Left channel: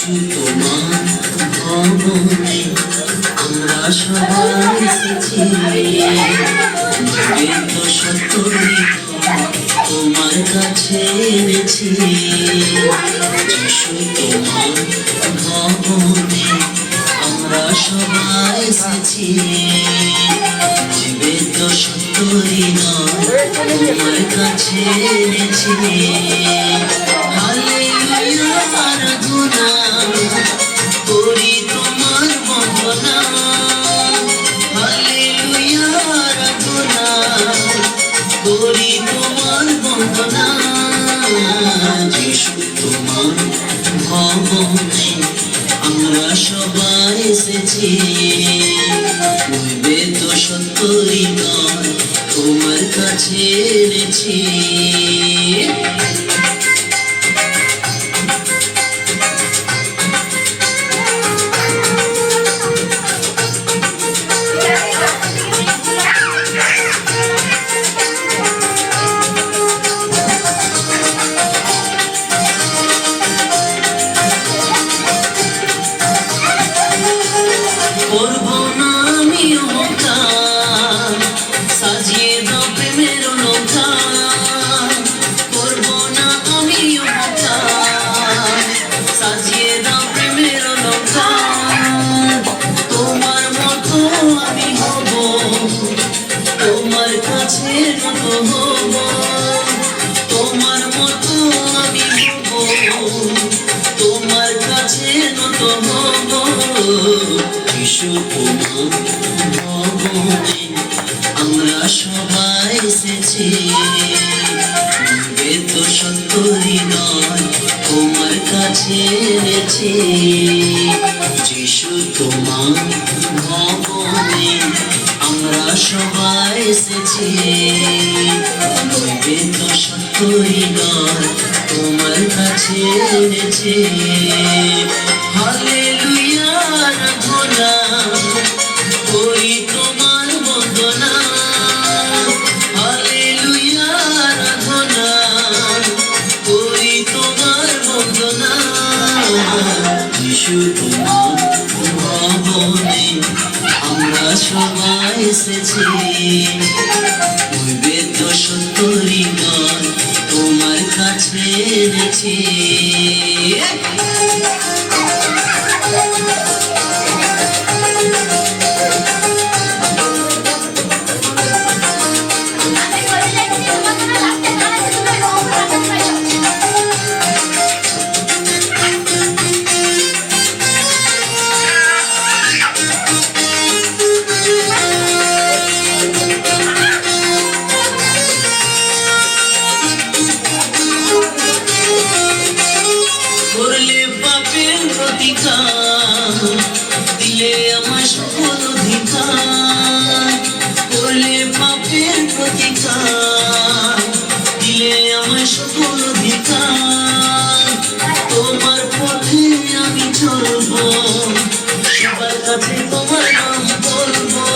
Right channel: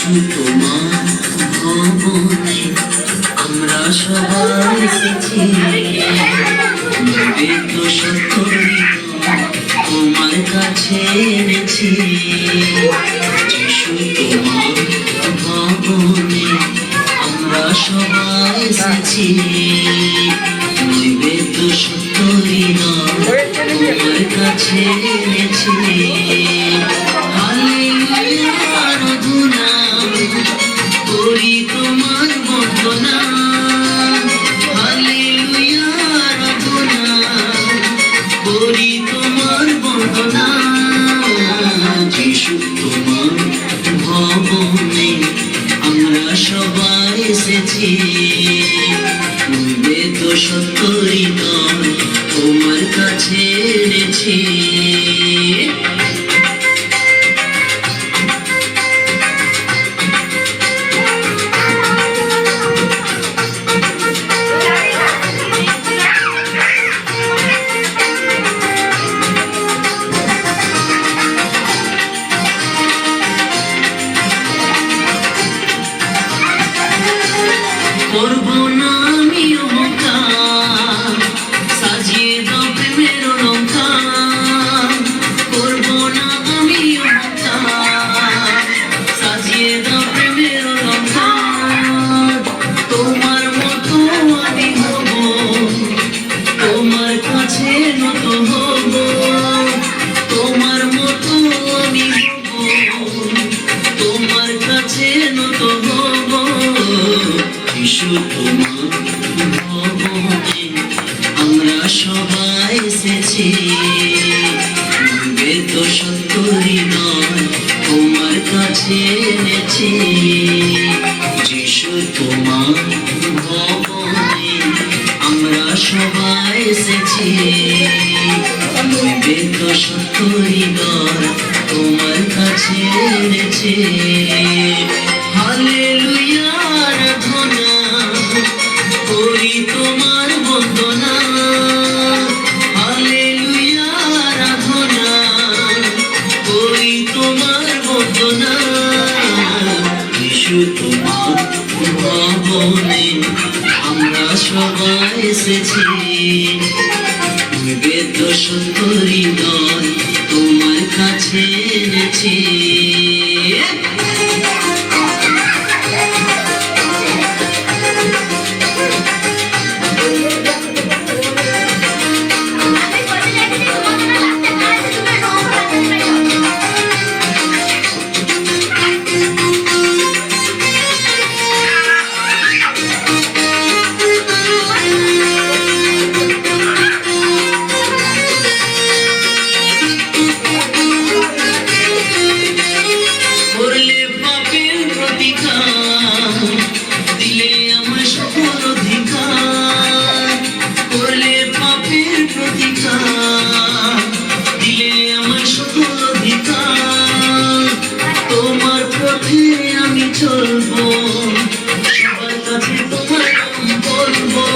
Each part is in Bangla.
যিশু তোমার ভবনে আমরা সবাই এসেছি, বেদ সত্য তোমার কাছে এনেছি। যিশু তোমার ভবনে আমরা সবাই এসেছি, বেদ সত্য তোমার কাছে এনেছি। করি তোমার বন্দনা, হালেলুয়া আরাধনা করি তোমার বন্দনা। যিশু তোমার ভবনে আমরা সবাই এসেছি, বেদ সত্য হৃদয় তোমার কাছে এনেছি। করবো না আমি অহংকার, সাজিয়ে দাও প্রেমের অলংকার। করবো না আমি অহংকার, সাজিয়ে দাও প্রেমের অলংকার। তোমার মতো আমি হব, তোমার কাছে নত হব। তোমার মতো আমি হব, তোমার কাছে নত হব। যিশু তোমার ভবনে আমরা সবাই এসেছি, বেদ সত্য হৃদয় তোমার কাছে এনেছি। যিশু তোমার ভবনে আমরা সবাই এসেছি, বেদ সত্য হৃদয় তোমার কাছে এনেছি। হালেলুয়া আরাধনা করি তোমার বন্দনা, হালেলুয়া আরাধনা করি তোমার বন্দনা। যিশু তোমার ভবনে আমরা সবাই এসেছি, বেদ সত্য হৃদয় তোমার কাছে এনেছি। করলে পাপের প্রতিকার, দিলে আমার সকল অধিকার। করলে পাপের প্রতিকার, দিলে আমার সকল অধিকার। তোমার পথে আমি চলবো, সবার কাছে তোমার নাম বলবো।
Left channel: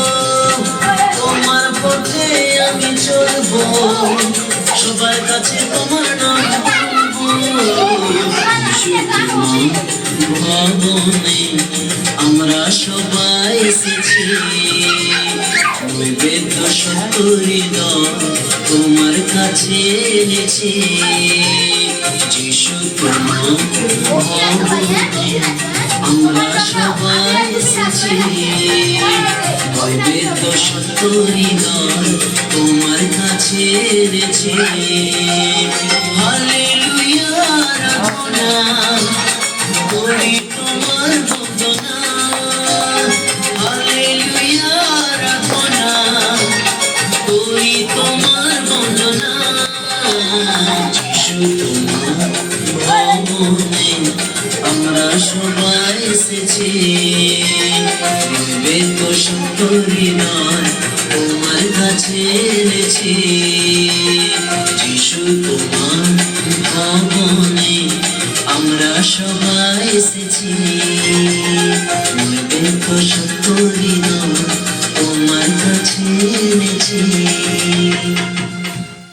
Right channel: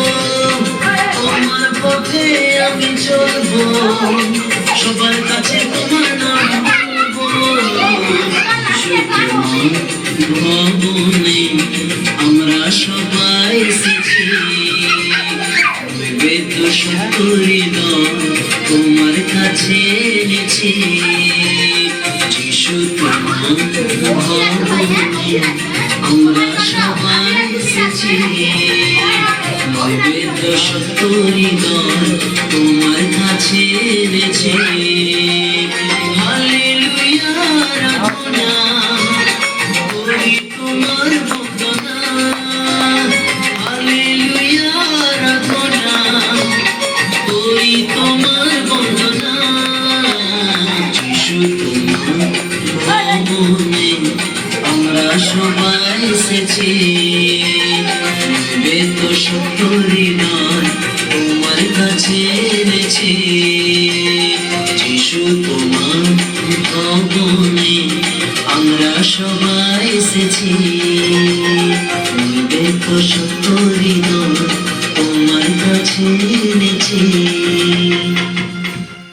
তোমার পথে আমি চলবো, সবার কাছে তোমার নাম বলবো। ভবনে আমরা সবাই এসেছি, বেদ সত্য হৃদয় তোমার কাছে এনেছি। যিশু তোমার ভবনে আমরা সবাই এসেছি, বেদ সত্য হৃদয় তোমার কাছে এনেছি। হালেলুয়া আরাধনা করি তোমার বন্দনা, হালেলুয়া আরাধনা করি তোমার বন্দনা। যিশু তোমার ভবনে আমরা সবাই এসেছি, বেদ সত্য হৃদয় তোমার কাছে এনেছি। যিশু তোমার ভবনে আমরা সবাই এসেছি, বেদ সত্য